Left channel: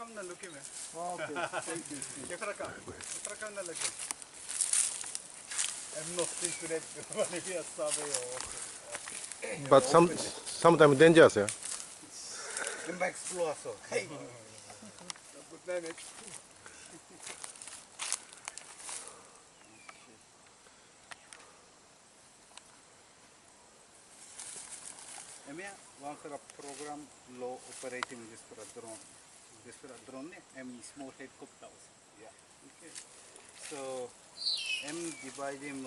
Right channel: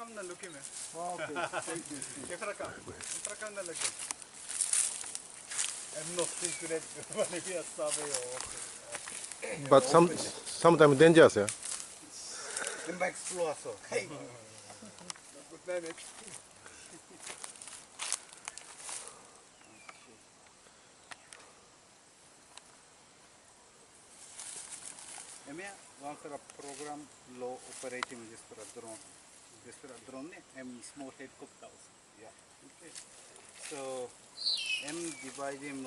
come na look me. Okay, thank you. Ekra come na look. I'm not secret. Maybe a sabe. But sometimes dangerous, yeah. I'm explore so. Hey. Good night. Emia, once a program low operating this for a drone. This for a drone, small helicopters. Yeah. Okay. So, M divide him